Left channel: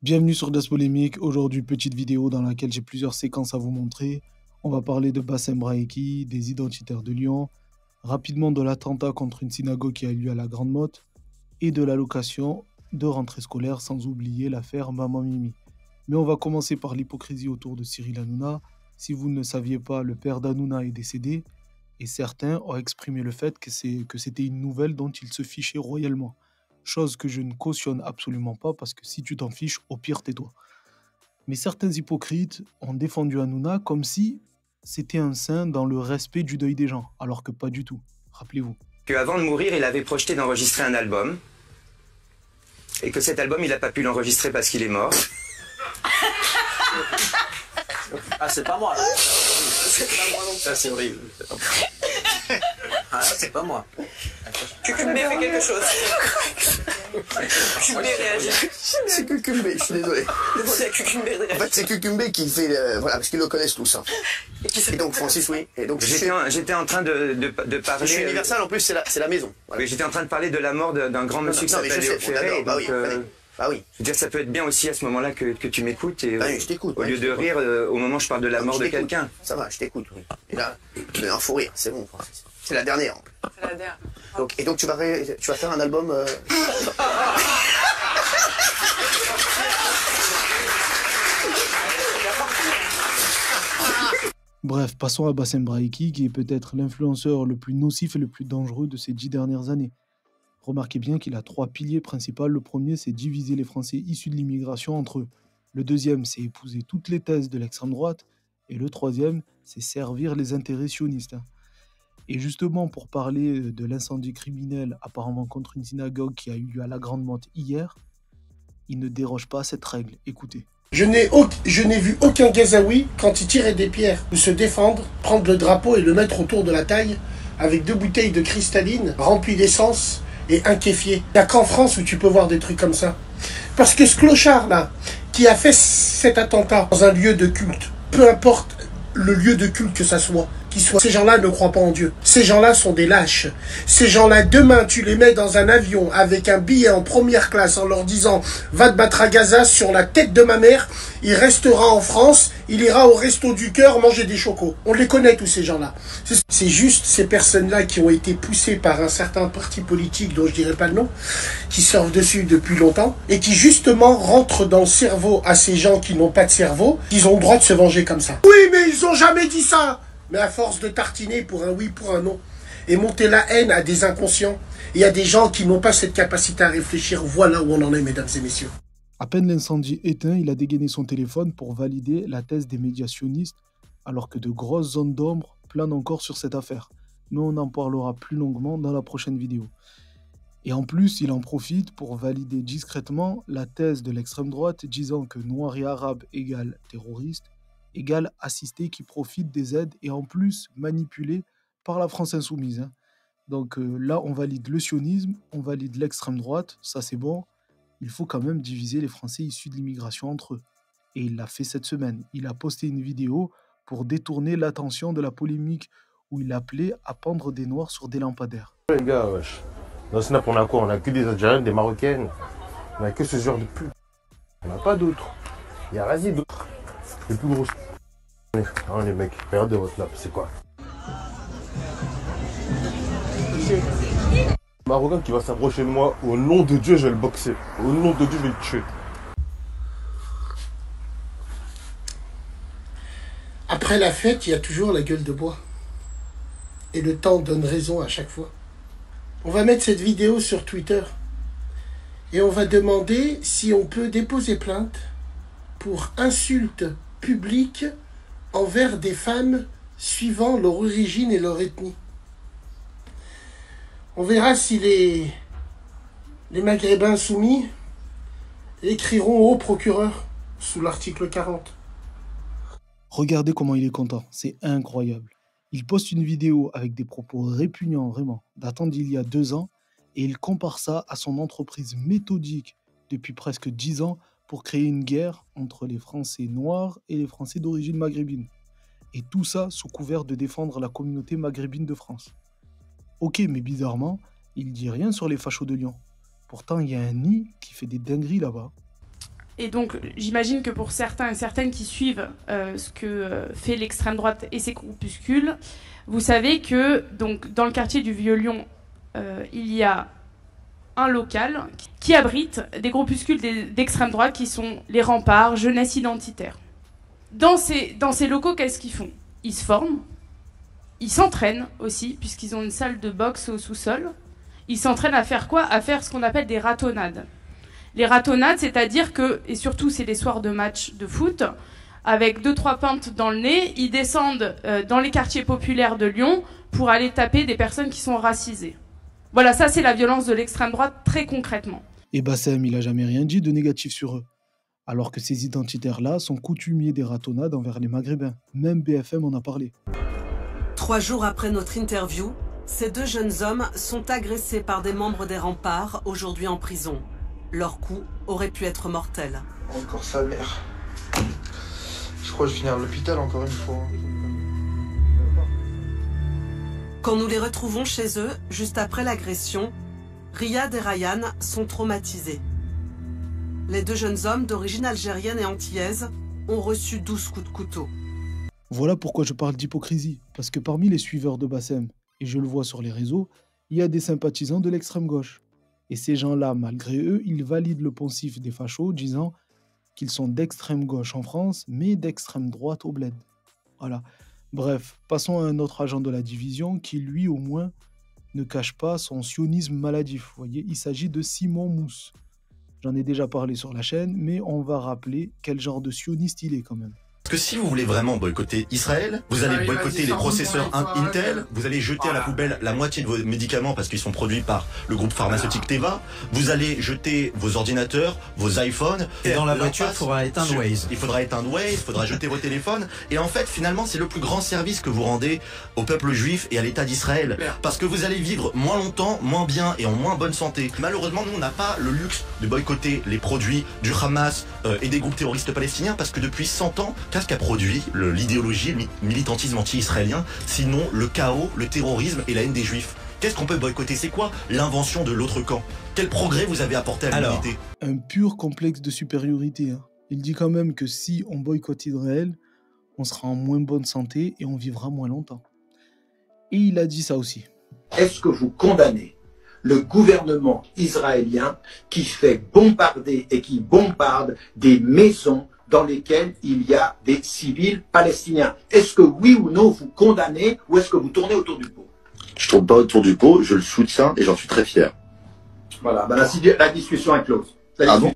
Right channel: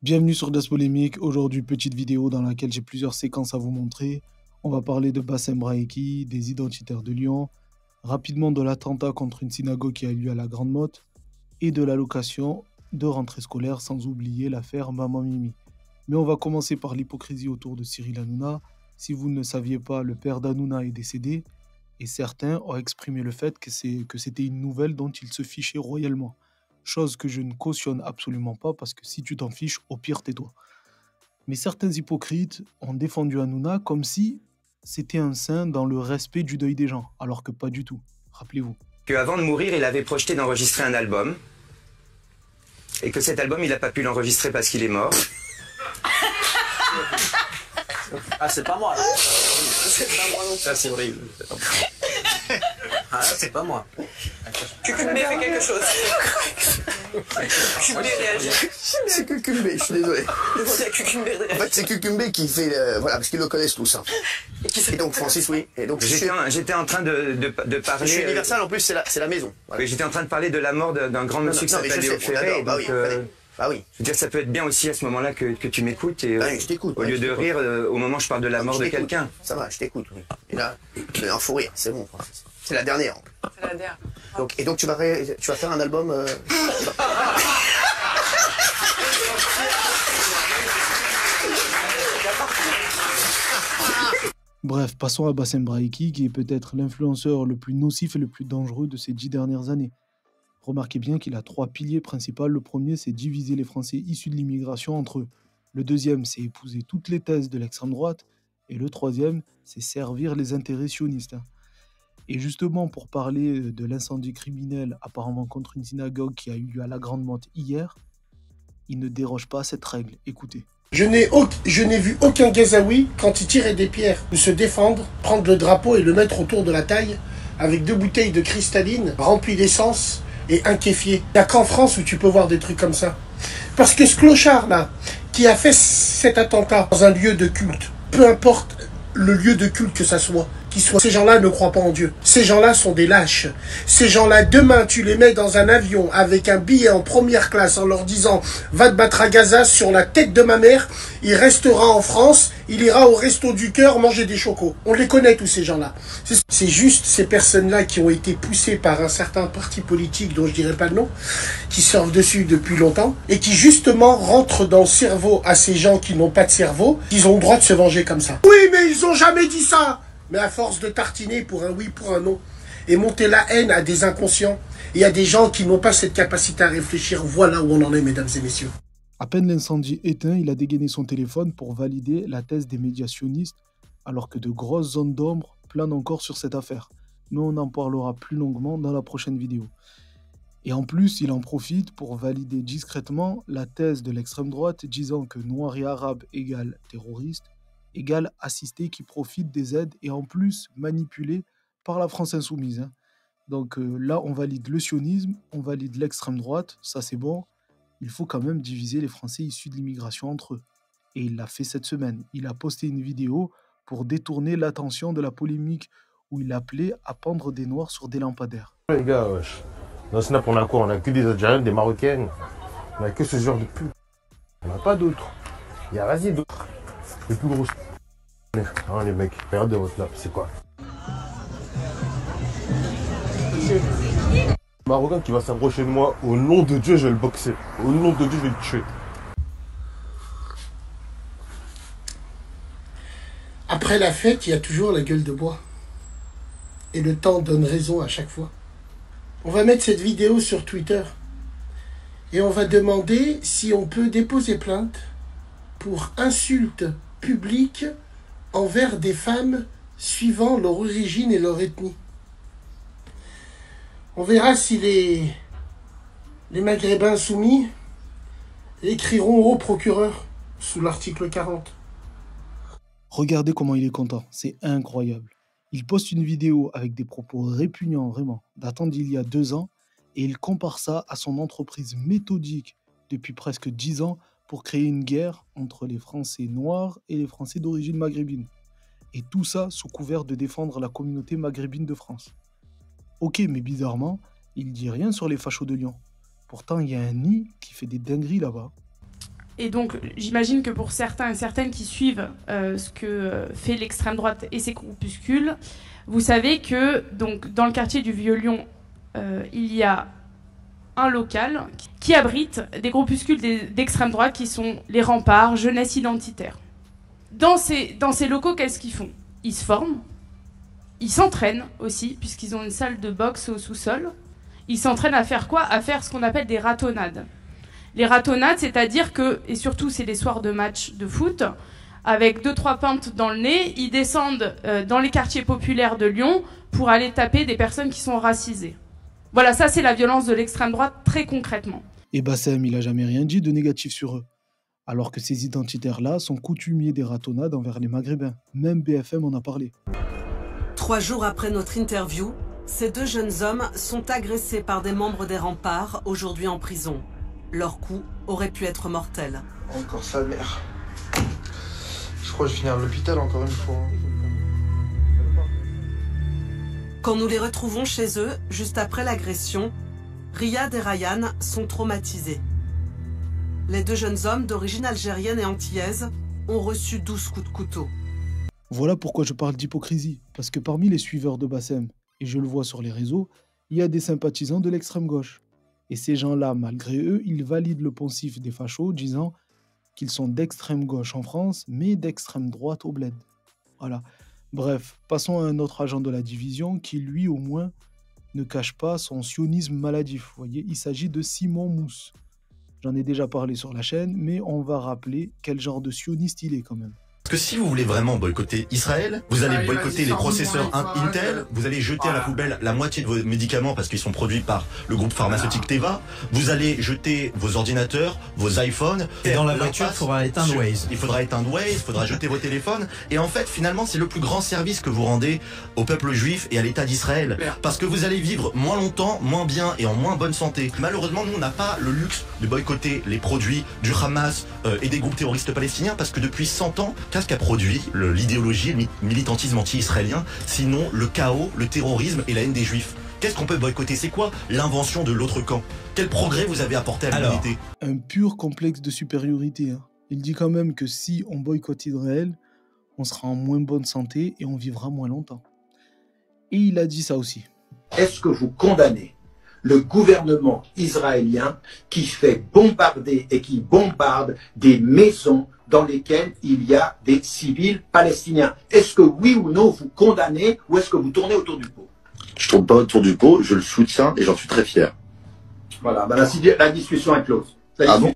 Bienvenue sur Das Polémique. Aujourd'hui, petite vidéo dans laquelle j'ai plusieurs séquences à vous montrer. On va parler de Bassem Braïki, des identitaires de Lyon, rapidement de l'attentat contre une synagogue qui a eu lieu à la Grande Motte et de l'allocation de rentrée scolaire, sans oublier l'affaire Maman Mimi. Mais on va commencer par l'hypocrisie autour de Cyril Hanouna. Si vous ne saviez pas, le père d'Hanouna est décédé et certains ont exprimé le fait que c'était une nouvelle dont il se fichait royalement. Chose que je ne cautionne absolument pas parce que si tu t'en fiches, au pire tais-toi. Mais certains hypocrites ont défendu Hanouna comme si c'était un saint dans le respect du deuil des gens, alors que pas du tout. Rappelez-vous. Qu'avant de mourir, il avait projeté d'enregistrer un album et que cet album, il n'a pas pu l'enregistrer parce qu'il est mort. Ah, c'est pas moi. C'est pas moi non plus. Ça, c'est horrible. Ah, c'est pas moi. Cucumbé fait quelque chose. Cucumbé réagit. C'est Cucumbé, je suis désolé. Demandez à Cucumbé de En fait, c'est Cucumbé qui fait... voilà, parce qu'ils le connaissent tous. Hein. Et donc, Francis, oui. Et donc, J'étais en train de parler... Je suis Universal, en plus, c'est la maison. Voilà. Oui, j'étais en train de parler de la mort d'un grand monsieur qui s'appelle Léo Ferré. Bah oui, bah oui. Je veux dire, ça peut être bien aussi à ce moment-là que tu m'écoutes et oui, je t'écoute. au lieu de rire, au moment où je parle de la mort de quelqu'un. Ça va, je t'écoute. Oui. Et là, un fou rire, c'est bon, Francis. C'est la dernière. C'est la dernière. Donc tu vas faire un album... Bref, passons à Bassem Braïki, qui est peut-être l'influenceur le plus nocif et le plus dangereux de ces 10 dernières années. Remarquez bien qu'il a 3 piliers principaux. Le premier, c'est diviser les Français issus de l'immigration entre eux. Le deuxième, c'est épouser toutes les thèses de l'extrême droite. Et le troisième, c'est servir les intérêts sionistes. Et justement, pour parler de l'incendie criminel apparemment contre une synagogue qui a eu lieu à la Grande Motte hier, il ne déroge pas à cette règle. Écoutez. Je n'ai vu aucun Gazaoui, quand il tirait des pierres, se défendre, prendre le drapeau et le mettre autour de la taille, avec 2 bouteilles de cristalline remplies d'essence et un kéfier. Il n'y a qu'en France où tu peux voir des trucs comme ça. Parce que ce clochard-là, qui a fait cet attentat dans un lieu de culte, peu importe le lieu de culte que ça soit, ces gens-là ne croient pas en Dieu. Ces gens-là sont des lâches. Ces gens-là, demain, tu les mets dans un avion avec un billet en première classe en leur disant « Va te battre à Gaza sur la tête de ma mère », il restera en France, il ira au resto du cœur manger des chocos. On les connaît, tous ces gens-là. C'est juste ces personnes-là qui ont été poussées par un certain parti politique dont je dirais pas le nom, qui surfent dessus depuis longtemps, et qui justement rentrent dans le cerveau à ces gens qui n'ont pas de cerveau, ils ont le droit de se venger comme ça. Oui, mais ils ont jamais dit ça. Mais à force de tartiner pour un oui, pour un non, et monter la haine à des inconscients, et à des gens qui n'ont pas cette capacité à réfléchir, voilà où on en est, mesdames et messieurs. À peine l'incendie éteint, il a dégainé son téléphone pour valider la thèse des médias sionistes, alors que de grosses zones d'ombre planent encore sur cette affaire. Mais on en parlera plus longuement dans la prochaine vidéo. Et en plus, il en profite pour valider discrètement la thèse de l'extrême droite disant que noir et arabe égale terroriste, égale assisté qui profite des aides et en plus manipulé par la France insoumise. Donc là, on valide le sionisme, on valide l'extrême droite, ça c'est bon. Il faut quand même diviser les Français issus de l'immigration entre eux. Et il l'a fait cette semaine. Il a posté une vidéo pour détourner l'attention de la polémique où il appelait à pendre des noirs sur des lampadaires. Les gars, wesh. Dans Snap, on a quoi? On a que des Algériennes, des Marocaines. On a que ce genre de pub. On n'a pas d'autres. Il y a vas-y d'autres. Les plus grosses. Hein, les mecs, regardez votre Snap, c'est quoi? Marocain qui va s'approcher de moi, au nom de Dieu, je vais le boxer. Au nom de Dieu, je vais le tuer. Après la fête, il y a toujours la gueule de bois. Et le temps donne raison à chaque fois. On va mettre cette vidéo sur Twitter. Et on va demander si on peut déposer plainte pour insulte publique envers des femmes suivant leur origine et leur ethnie. On verra si les Maghrébins soumis écriront au procureur sous l'article 40. Regardez comment il est content, c'est incroyable. Il poste une vidéo avec des propos répugnants, vraiment, datant d'il y a 2 ans, et il compare ça à son entreprise méthodique depuis presque 10 ans pour créer une guerre entre les Français noirs et les Français d'origine maghrébine. Et tout ça sous couvert de défendre la communauté maghrébine de France. Ok, mais bizarrement, il dit rien sur les fachos de Lyon. Pourtant, il y a un nid qui fait des dingueries là-bas. Et donc, j'imagine que pour certains et certaines qui suivent ce que fait l'extrême droite et ses groupuscules, vous savez que donc, dans le quartier du Vieux-Lyon, il y a un local qui abrite des groupuscules d'extrême droite qui sont les Remparts, Jeunesse Identitaire. Dans ces locaux, qu'est-ce qu'ils font? Ils se forment, ils s'entraînent aussi, puisqu'ils ont une salle de boxe au sous-sol. Ils s'entraînent à faire quoi? À faire ce qu'on appelle des ratonnades. Les ratonnades, c'est-à-dire que, et surtout c'est les soirs de match de foot, avec 2-3 pintes dans le nez, ils descendent dans les quartiers populaires de Lyon pour aller taper des personnes qui sont racisées. Voilà, ça c'est la violence de l'extrême droite très concrètement. Et Bassem, il a jamais rien dit de négatif sur eux. Alors que ces identitaires-là sont coutumiers des ratonnades envers les Maghrébins. Même BFM en a parlé. 3 jours après notre interview, ces 2 jeunes hommes sont agressés par des membres des Remparts, aujourd'hui en prison. Leur coup aurait pu être mortel. Encore sa mère. Je crois que je vais finir à l'hôpital encore une fois. Quand nous les retrouvons chez eux, juste après l'agression, Riyad et Ryan sont traumatisés. Les 2 jeunes hommes d'origine algérienne et antillaise ont reçu 12 coups de couteau. Voilà pourquoi je parle d'hypocrisie. Parce que parmi les suiveurs de Bassem, et je le vois sur les réseaux, il y a des sympathisants de l'extrême gauche. Et ces gens-là, malgré eux, ils valident le poncif des fachos, disant qu'ils sont d'extrême gauche en France, mais d'extrême droite au bled. Voilà. Bref, passons à un autre agent de la division qui, lui, au moins, ne cache pas son sionisme maladif. Vous voyez, il s'agit de Simon Mousse. J'en ai déjà parlé sur la chaîne, mais on va rappeler quel genre de sioniste il est quand même. Parce que si vous voulez vraiment boycotter Israël, vous allez boycotter les processeurs Intel, vous allez jeter à la poubelle la moitié de vos médicaments parce qu'ils sont produits par le groupe pharmaceutique Teva, vous allez jeter vos ordinateurs, vos iPhones. Et dans la voiture, il faudra éteindre Waze. Il faudra éteindre Waze, il faudra jeter vos téléphones. Et en fait, finalement, c'est le plus grand service que vous rendez au peuple juif et à l'État d'Israël. Parce que vous allez vivre moins longtemps, moins bien et en moins bonne santé. Malheureusement, nous, on n'a pas le luxe de boycotter les produits du Hamas et des groupes terroristes palestiniens parce que depuis 100 ans, qu'est-ce qu'a produit l'idéologie, le militantisme anti-israélien, sinon le chaos, le terrorisme et la haine des juifs? Qu'est-ce qu'on peut boycotter? C'est quoi l'invention de l'autre camp? Quel progrès vous avez apporté à l'humanité? Un pur complexe de supériorité. Il dit quand même que si on boycotte Israël, on sera en moins bonne santé et on vivra moins longtemps. Et il a dit ça aussi. Est-ce que vous condamnez le gouvernement israélien qui fait bombarder et qui bombarde des maisons dans lesquelles il y a des civils palestiniens? Est-ce que oui ou non vous condamnez ou est-ce que vous tournez autour du pot? Je tourne pas autour du pot, je le soutiens et j'en suis très fier. Voilà, ben la discussion est close. Ah bon?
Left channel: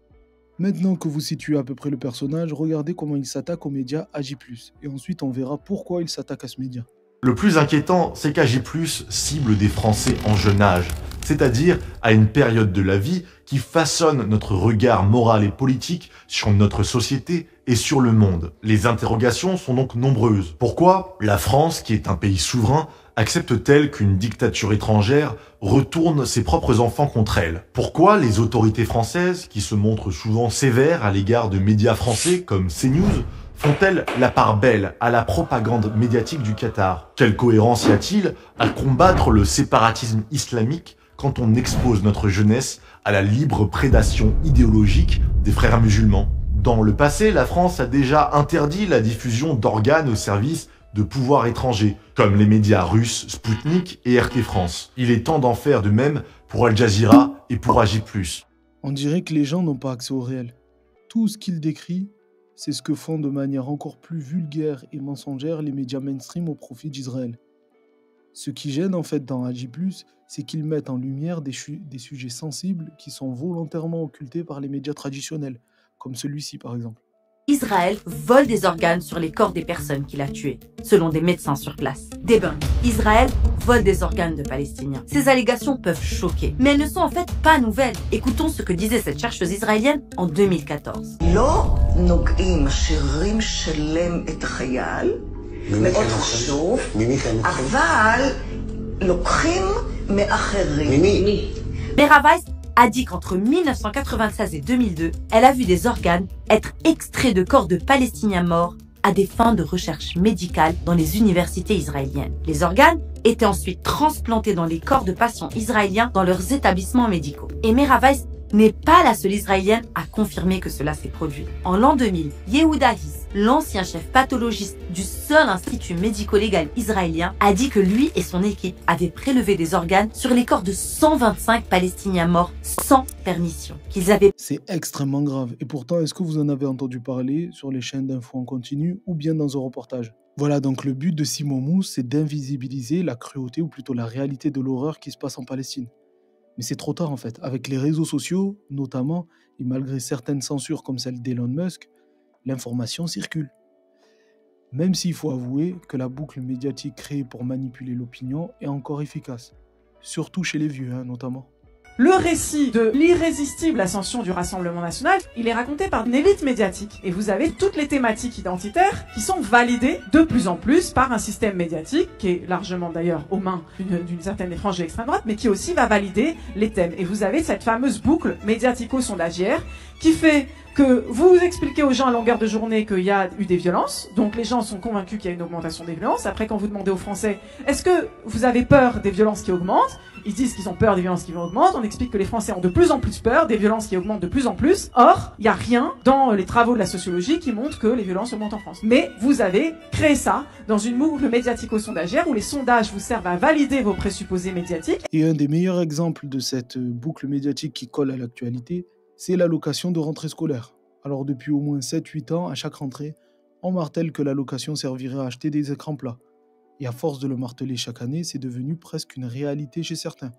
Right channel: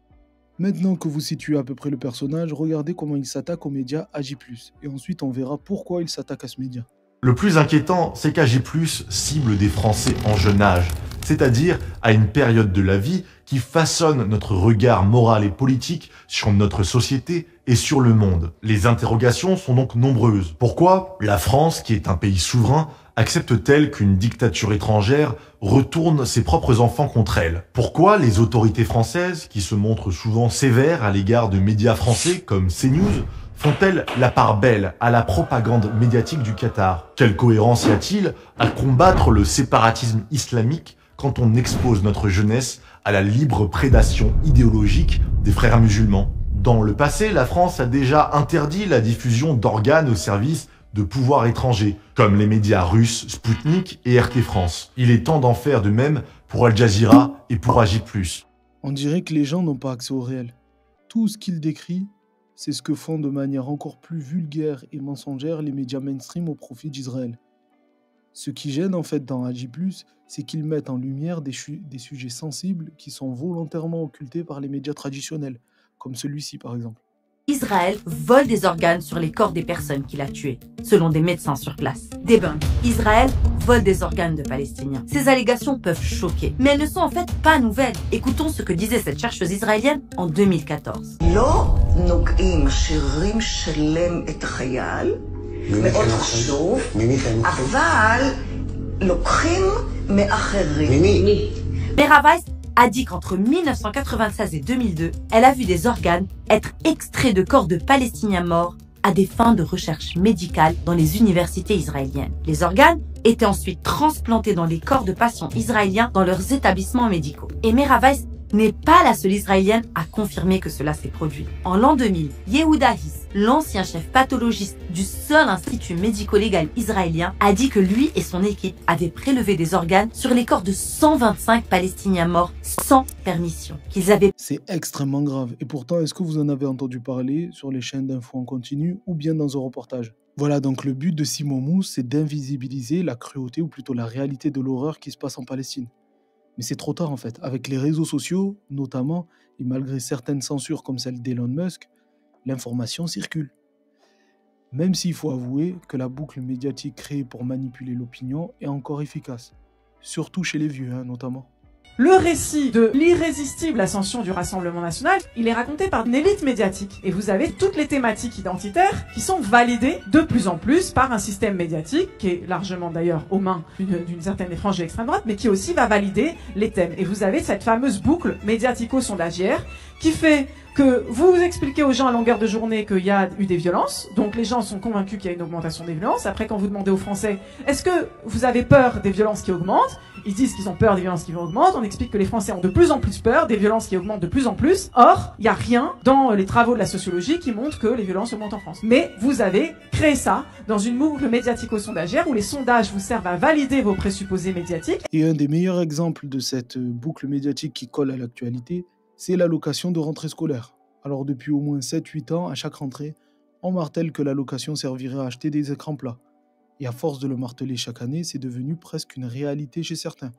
Maintenant que vous situez à peu près le personnage, regardez comment il s'attaque aux médias AJ+. Et ensuite on verra pourquoi il s'attaque à ce média. Le plus inquiétant, c'est qu'AJ+ cible des Français en jeune âge, c'est-à-dire à une période de la vie qui façonne notre regard moral et politique sur notre société et sur le monde. Les interrogations sont donc nombreuses. Pourquoi la France, qui est un pays souverain, accepte-t-elle qu'une dictature étrangère retourne ses propres enfants contre elle? Pourquoi les autorités françaises, qui se montrent souvent sévères à l'égard de médias français comme CNews, font-elles la part belle à la propagande médiatique du Qatar? Quelle cohérence y a-t-il à combattre le séparatisme islamique quand on expose notre jeunesse à la libre prédation idéologique des frères musulmans? Dans le passé, la France a déjà interdit la diffusion d'organes au service de pouvoirs étrangers, comme les médias russes Sputnik et RT France. Il est temps d'en faire de même pour Al Jazeera et pour AJ+. On dirait que les gens n'ont pas accès au réel. Tout ce qu'il décrit, c'est ce que font de manière encore plus vulgaire et mensongère les médias mainstream au profit d'Israël. Ce qui gêne en fait dans AJ+, c'est qu'ils mettent en lumière des sujets sensibles qui sont volontairement occultés par les médias traditionnels, comme celui-ci par exemple. Israël vole des organes sur les corps des personnes qu'il a tuées, selon des médecins sur place. Débunk. Israël vole des organes de Palestiniens. Ces allégations peuvent choquer, mais elles ne sont en fait pas nouvelles. Écoutons ce que disait cette chercheuse israélienne en 2014. Mera Weiss a dit qu'entre 1996 et 2002, elle a vu des organes être extraits de corps de Palestiniens morts à des fins de recherche médicale dans les universités israéliennes. Les organes étaient ensuite transplantés dans les corps de patients israéliens dans leurs établissements médicaux. Et Mera Weiss n'est pas la seule israélienne à confirmer que cela s'est produit. En l'an 2000, Yehuda Hiss, l'ancien chef pathologiste du seul institut médico-légal israélien, a dit que lui et son équipe avaient prélevé des organes sur les corps de 125 Palestiniens morts sans permission. C'est extrêmement grave. Et pourtant, est-ce que vous en avez entendu parler sur les chaînes d'infos en continu ou bien dans un reportage? Voilà, donc le but de Simon Mous, c'est d'invisibiliser la cruauté ou plutôt la réalité de l'horreur qui se passe en Palestine. Mais c'est trop tard en fait. Avec les réseaux sociaux, notamment, et malgré certaines censures comme celle d'Elon Musk, l'information circule. Même s'il faut avouer que la boucle médiatique créée pour manipuler l'opinion est encore efficace. Surtout chez les vieux, notamment. Le récit de l'irrésistible ascension du Rassemblement national, il est raconté par une élite médiatique. Et vous avez toutes les thématiques identitaires qui sont validées de plus en plus par un système médiatique, qui est largement d'ailleurs aux mains d'une certaine frange de l'extrême droite, mais qui aussi va valider les thèmes. Et vous avez cette fameuse boucle médiatico-sondagière qui fait que vous expliquez aux gens à longueur de journée qu'il y a eu des violences, donc les gens sont convaincus qu'il y a une augmentation des violences. Après, quand vous demandez aux Français, est-ce que vous avez peur des violences qui augmentent? Ils disent qu'ils ont peur des violences qui augmentent. On explique que les Français ont de plus en plus peur des violences qui augmentent de plus en plus. Or, il n'y a rien dans les travaux de la sociologie qui montre que les violences augmentent en France. Mais vous avez créé ça dans une boucle médiatico-sondagière où les sondages vous servent à valider vos présupposés médiatiques. Et un des meilleurs exemples de cette boucle médiatique qui colle à l'actualité, c'est l'allocation de rentrée scolaire. Alors depuis au moins 7-8 ans, à chaque rentrée, on martèle que l'allocation servirait à acheter des écrans plats. Et à force de le marteler chaque année, c'est devenu presque une réalité chez certains.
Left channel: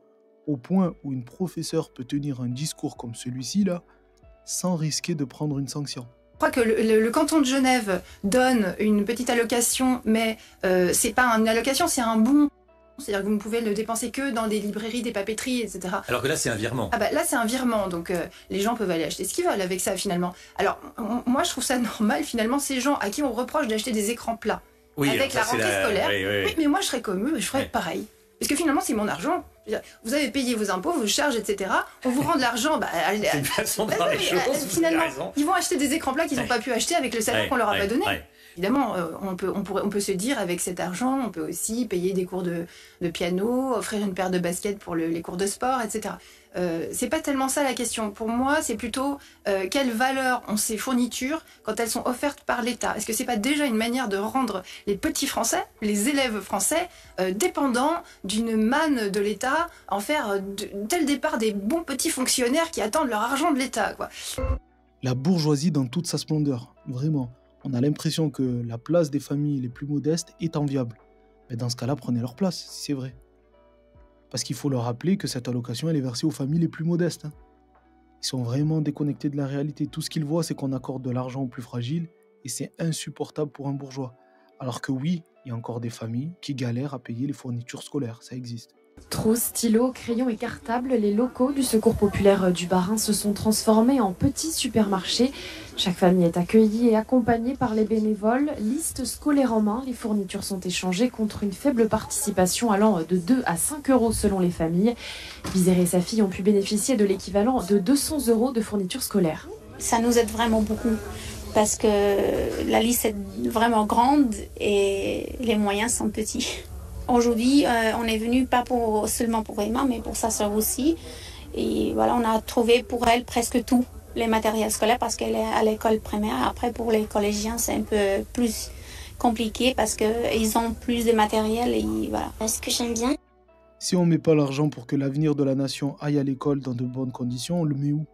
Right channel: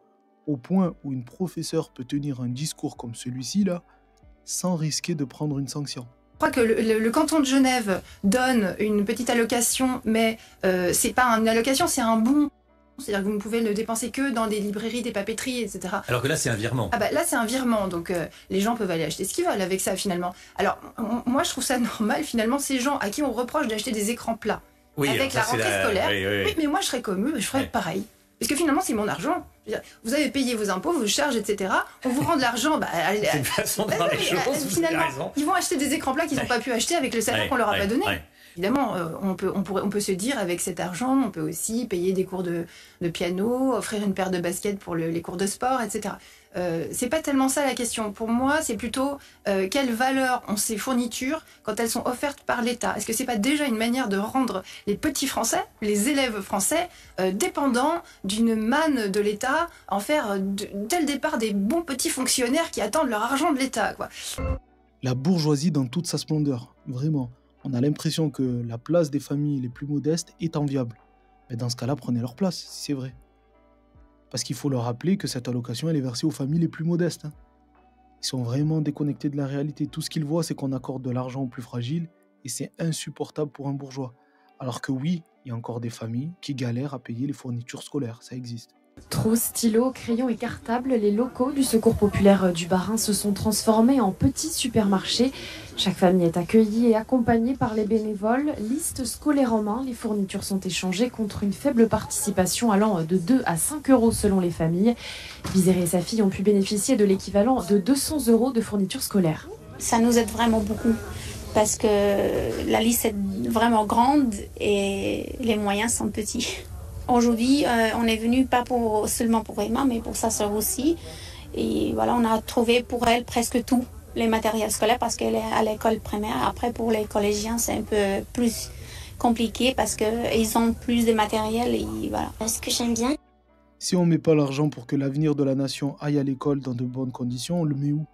Au point où une professeure peut tenir un discours comme celui-ci là, sans risquer de prendre une sanction. Je crois que le canton de Genève donne une petite allocation, mais c'est pas une allocation, c'est un bon. C'est-à-dire que vous ne pouvez le dépenser que dans des librairies, des papeteries, etc. Alors que là, c'est un virement. Ah bah là, c'est un virement, donc les gens peuvent aller acheter ce qu'ils veulent avec ça, finalement. Alors, moi, je trouve ça normal, finalement, ces gens à qui on reproche d'acheter des écrans plats avec la rentrée scolaire. Oui, mais moi, je serais comme eux, je ferais pareil. Parce que finalement, c'est mon argent. Vous avez payé vos impôts, vos charges, etc. On vous rend de l'argent. C'est une façon de voir les choses. Finalement, ils vont acheter des écrans plats qu'ils n'ont pas pu acheter avec le salaire qu'on leur a pas donné. Évidemment, on peut se dire avec cet argent, on peut aussi payer des cours de piano, offrir une paire de baskets pour les cours de sport, etc. C'est pas tellement ça la question. Pour moi, c'est plutôt quelle valeur ont ces fournitures quand elles sont offertes par l'État. Est-ce que c'est pas déjà une manière de rendre les petits Français, les élèves français, dépendants d'une manne de l'État, en faire dès le départ des bons petits fonctionnaires qui attendent leur argent de l'État, quoi. La bourgeoisie dans toute sa splendeur, vraiment. On a l'impression que la place des familles les plus modestes est enviable. Mais dans ce cas-là, prenez leur place, si c'est vrai. Parce qu'il faut leur rappeler que cette allocation, elle est versée aux familles les plus modestes. Ils sont vraiment déconnectés de la réalité. Tout ce qu'ils voient, c'est qu'on accorde de l'argent aux plus fragiles, et c'est insupportable pour un bourgeois. Alors que oui, il y a encore des familles qui galèrent à payer les fournitures scolaires, ça existe. Trousse, stylos, crayons et cartables, les locaux du Secours populaire du Bas-Rhin se sont transformés en petits supermarchés. Chaque famille est accueillie et accompagnée par les bénévoles. Liste scolaire en main, les fournitures sont échangées contre une faible participation allant de 2 à 5 euros selon les familles. Bizère et sa fille ont pu bénéficier de l'équivalent de 200 euros de fournitures scolaires. Ça nous aide vraiment beaucoup parce que la liste est vraiment grande et les moyens sont petits. Aujourd'hui, on est venu pas seulement pour Emma, mais pour sa sœur aussi. Et voilà, on a trouvé pour elle presque tout, les matériels scolaires, parce qu'elle est à l'école primaire. Après, pour les collégiens, c'est un peu plus compliqué parce qu'ils ont plus de matériel et voilà. Ce que j'aime bien. Si on ne met pas l'argent pour que l'avenir de la nation aille à l'école dans de bonnes conditions, on le met où?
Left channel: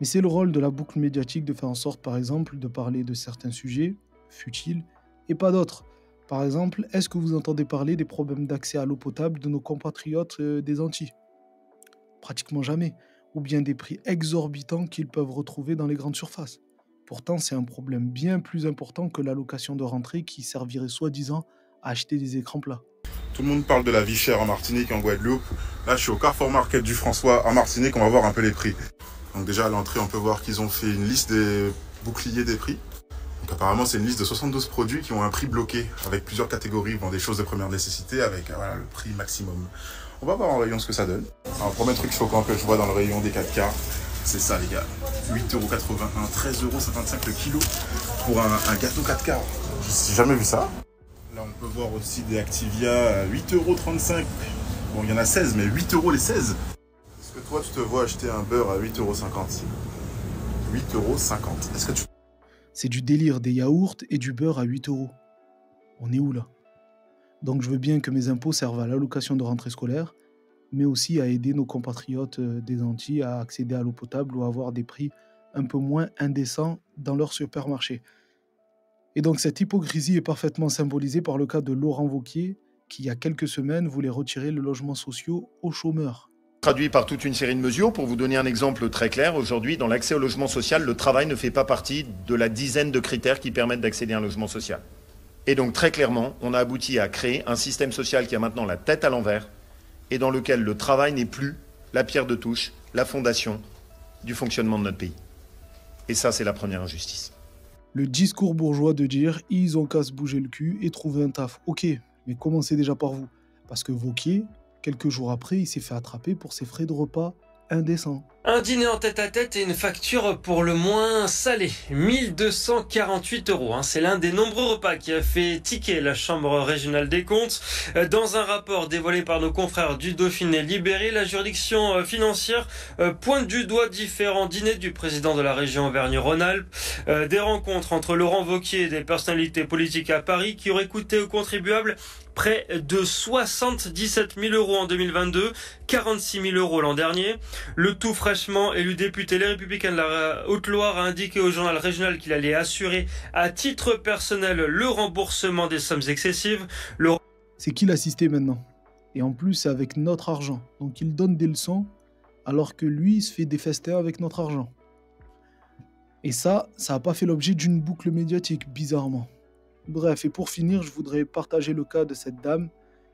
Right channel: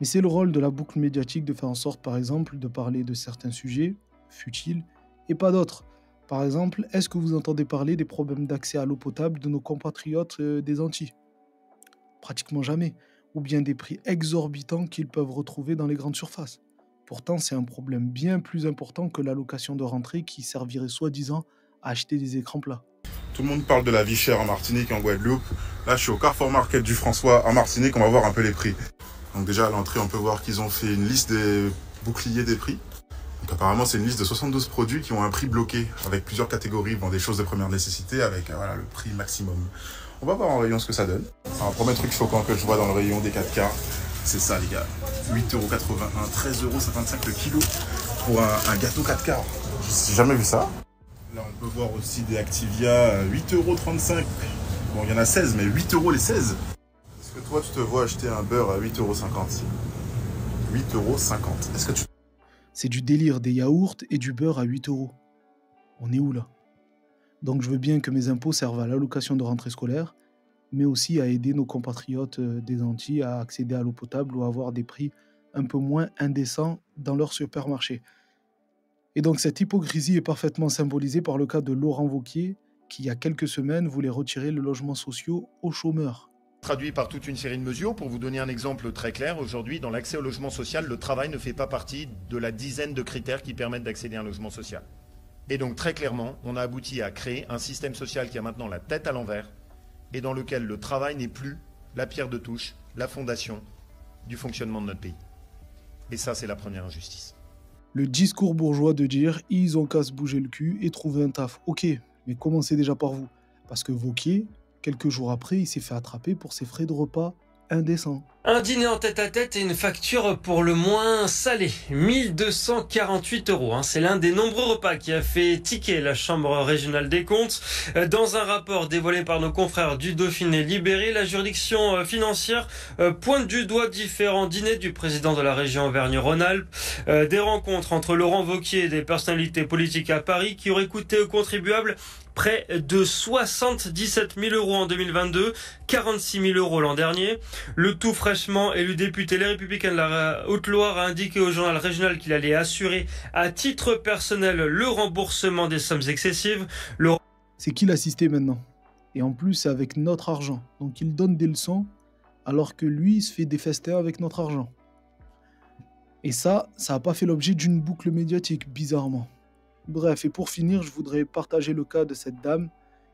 Mais c'est le rôle de la boucle médiatique de faire en sorte, par exemple, de parler de certains sujets, futiles, et pas d'autres. Par exemple, est-ce que vous entendez parler des problèmes d'accès à l'eau potable de nos compatriotes des Antilles? Pratiquement jamais. Ou bien des prix exorbitants qu'ils peuvent retrouver dans les grandes surfaces. Pourtant, c'est un problème bien plus important que l'allocation de rentrée qui servirait soi-disant à acheter des écrans plats. Tout le monde parle de la vie chère en Martinique et en Guadeloupe. Là, je suis au Carrefour Market du François en Martinique, on va voir un peu les prix. Donc déjà, à l'entrée, on peut voir qu'ils ont fait une liste des boucliers des prix. Donc apparemment, c'est une liste de 72 produits qui ont un prix bloqué, avec plusieurs catégories, des choses de première nécessité, avec voilà, le prix maximum. On va voir en rayon ce que ça donne. Alors, le premier truc choquant que je vois dans le rayon des 4K, c'est ça les gars. 8,81 €, 13,55 € le kilo pour un gâteau 4K. J'ai jamais vu ça. Là, on peut voir aussi des Activia, 8,35 €. Bon, il y en a 16, mais 8 € les 16. Ce que Toi, tu te vois acheter un beurre à 8,50 €. 8,50 €. Est-ce que tu... C'est du délire, des yaourts et du beurre à 8 €. On est où là? Donc je veux bien que mes impôts servent à l'allocation de rentrée scolaire, mais aussi à aider nos compatriotes des Antilles à accéder à l'eau potable ou à avoir des prix un peu moins indécents dans leur supermarché. Et donc cette hypocrisie est parfaitement symbolisée par le cas de Laurent Wauquiez, qui il y a quelques semaines voulait retirer le logement social aux chômeurs. Traduit par toute une série de mesures. Pour vous donner un exemple très clair, aujourd'hui, dans l'accès au logement social, le travail ne fait pas partie de la dizaine de critères qui permettent d'accéder à un logement social. Et donc très clairement, on a abouti à créer un système social qui a maintenant la tête à l'envers et dans lequel le travail n'est plus la pierre de touche, la fondation du fonctionnement de notre pays. Et ça, c'est la première injustice. Le discours bourgeois de dire « ils ont qu'à se bouger le cul et trouver un taf ». Ok, mais commencez déjà par vous. Parce que Wauquiez, quelques jours après, il s'est fait attraper pour ses frais de repas indécents. Un dîner en tête-à-tête et une facture pour le moins salée. 1248 €. C'est l'un des nombreux repas qui a fait tiquer la Chambre régionale des comptes. Dans un rapport dévoilé par nos confrères du Dauphiné Libéré, la juridiction financière pointe du doigt différents dîners du président de la région Auvergne-Rhône-Alpes. Des rencontres entre Laurent Wauquiez et des personnalités politiques à Paris qui auraient coûté aux contribuables près de 77 000 € en 2022, 46 000 € l'an dernier. Le tout fraîchement élu député Les Républicains de la Haute-Loire a indiqué au journal régional qu'il allait assurer à titre personnel le remboursement des sommes excessives. C'est qui l'assisté maintenant? Et en plus, c'est avec notre argent. Donc il donne des leçons alors que lui, il se fait des festins avec notre argent. Et ça n'a pas fait l'objet d'une boucle médiatique, bizarrement. Bref, et pour finir, je voudrais partager le cas de cette dame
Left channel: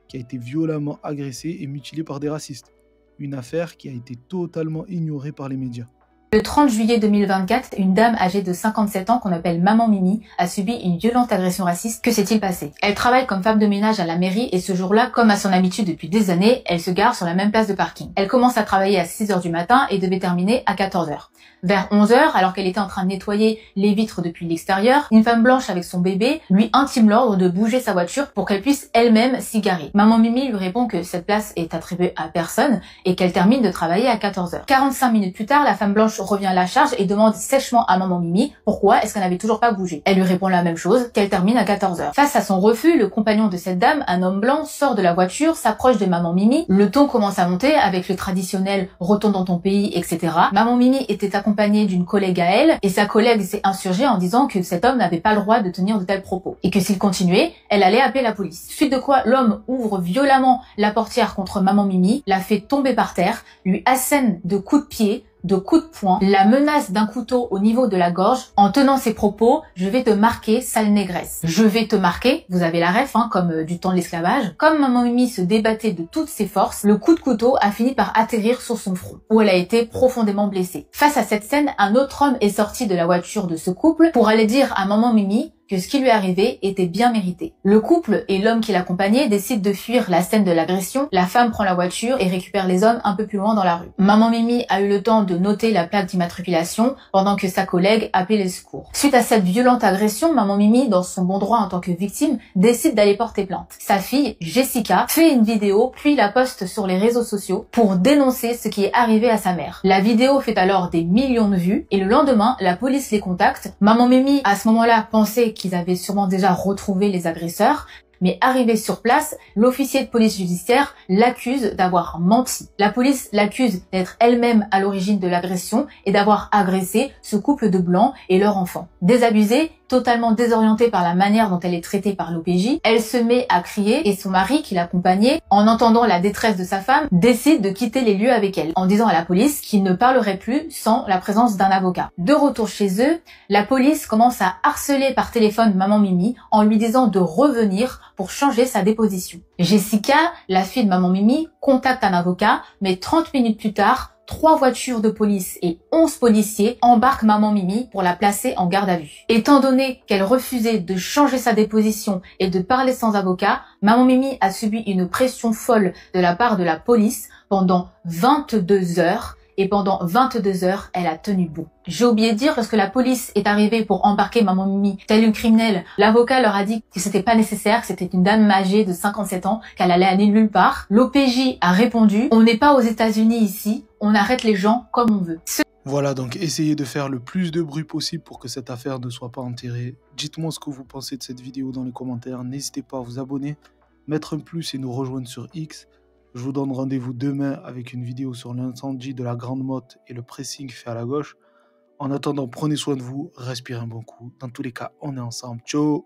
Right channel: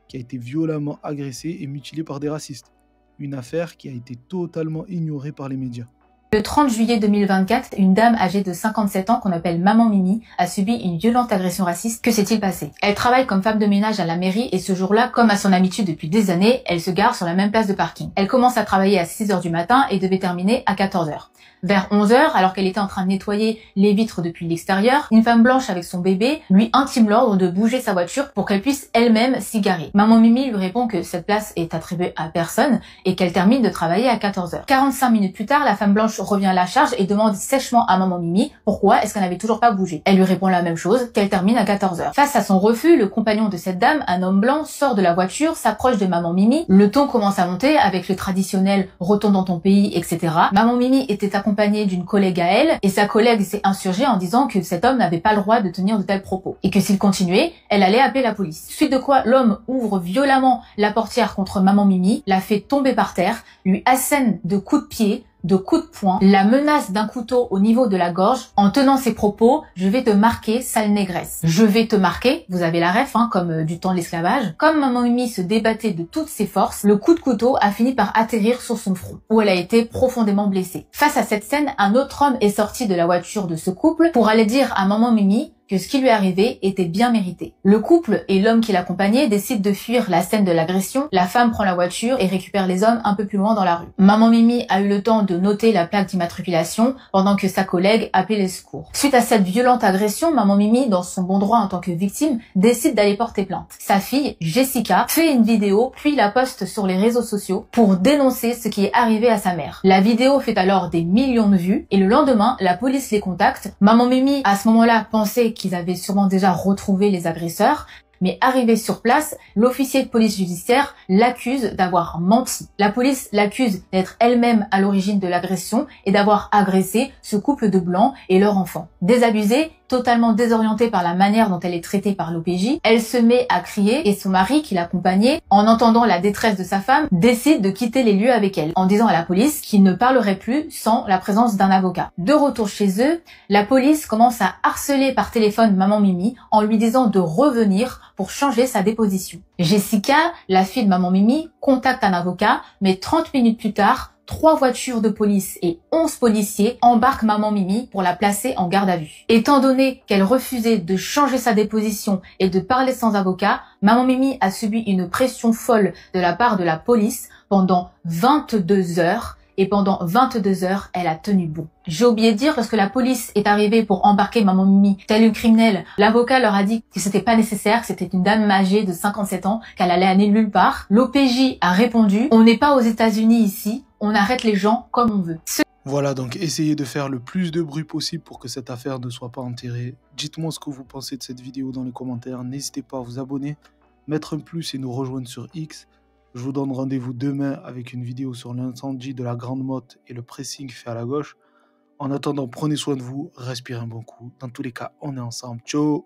qui a été violemment agressée et mutilée par des racistes. Une affaire qui a été totalement ignorée par les médias. Le 30 juillet 2024, une dame âgée de 57 ans qu'on appelle Maman Mimi a subi une violente agression raciste. Que s'est-il passé? Elle travaille comme femme de ménage à la mairie et ce jour-là, comme à son habitude depuis des années, elle se gare sur la même place de parking. Elle commence à travailler à 6 h du matin et devait terminer à 14 h. Vers 11 h, alors qu'elle était en train de nettoyer les vitres depuis l'extérieur, une femme blanche avec son bébé lui intime l'ordre de bouger sa voiture pour qu'elle puisse elle-même s'y garer. Maman Mimi lui répond que cette place est attribuée à personne et qu'elle termine de travailler à 14 h. 45 minutes plus tard, la femme blanche revient à la charge et demande sèchement à Maman Mimi pourquoi est-ce qu'elle n'avait toujours pas bougé. Elle lui répond la même chose, qu'elle termine à 14 h. Face à son refus, le compagnon de cette dame, un homme blanc, sort de la voiture, s'approche de Maman Mimi. Le ton commence à monter avec le traditionnel « retourne dans ton pays », etc. Maman Mimi était accompagnée d'une collègue à elle et sa collègue s'est insurgée en disant que cet homme n'avait pas le droit de tenir de tels propos et que s'il continuait, elle allait appeler la police. Suite de quoi, l'homme ouvre violemment la portière contre Maman Mimi, la fait tomber par terre, lui assène de coups de pied, de coups de poing, la menace d'un couteau au niveau de la gorge en tenant ses propos « Je vais te marquer, sale négresse ». Je vais te marquer, vous avez la ref, comme du temps de l'esclavage. Comme Maman Mimi se débattait de toutes ses forces, le coup de couteau a fini par atterrir sur son front, où elle a été profondément blessée. Face à cette scène, un autre homme est sorti de la voiture de ce couple pour aller dire à Maman Mimi que ce qui lui arrivait était bien mérité. Le couple et l'homme qui l'accompagnait décident de fuir la scène de l'agression. La femme prend la voiture et récupère les hommes un peu plus loin dans la rue. Maman Mimi a eu le temps de noter la plaque d'immatriculation pendant que sa collègue appelait les secours. Suite à cette violente agression, Maman Mimi, dans son bon droit en tant que victime, décide d'aller porter plainte. Sa fille, Jessica, fait une vidéo puis la poste sur les réseaux sociaux pour dénoncer ce qui est arrivé à sa mère. La vidéo fait alors des millions de vues et le lendemain, la police les contacte. Maman Mimi, à ce moment-là, pensait qu'ils avaient sûrement déjà retrouvé les agresseurs, mais arrivé sur place, l'officier de police judiciaire l'accuse d'avoir menti. La police l'accuse d'être elle-même à l'origine de l'agression et d'avoir agressé ce couple de blancs et leur enfant. Désabusée, totalement désorientée par la manière dont elle est traitée par l'OPJ, elle se met à crier et son mari qui l'accompagnait, en entendant la détresse de sa femme, décide de quitter les lieux avec elle, en disant à la police qu'il ne parlerait plus sans la présence d'un avocat. De retour chez eux, la police commence à harceler par téléphone Maman Mimi en lui disant de revenir pour changer sa déposition. Jessica, la fille de Maman Mimi, contacte un avocat, mais 30 minutes plus tard, 3 voitures de police et 11 policiers embarquent Maman Mimi pour la placer en garde à vue. Étant donné qu'elle refusait de changer sa déposition et de parler sans avocat, Maman Mimi a subi une pression folle de la part de la police pendant 22 heures et pendant 22 heures, elle a tenu bon. J'ai oublié de dire, lorsque la police est arrivée pour embarquer Maman Mimi, telle une criminelle, l'avocat leur a dit que c'était pas nécessaire, que c'était une dame âgée de 57 ans, qu'elle allait aller nulle part. L'OPJ a répondu, on n'est pas aux États-Unis ici, on arrête les gens comme on veut. Voilà, donc essayez de faire le plus de bruit possible pour que cette affaire ne soit pas enterrée. Dites-moi ce que vous pensez de cette vidéo dans les commentaires. N'hésitez pas à vous abonner, mettre un plus et nous rejoindre sur X. Je vous donne rendez-vous demain avec une vidéo sur l'incendie de la Grande Motte et le pressing fait à la gauche. En attendant, prenez soin de vous, respirez un bon coup. Dans tous les cas, on est ensemble. Ciao!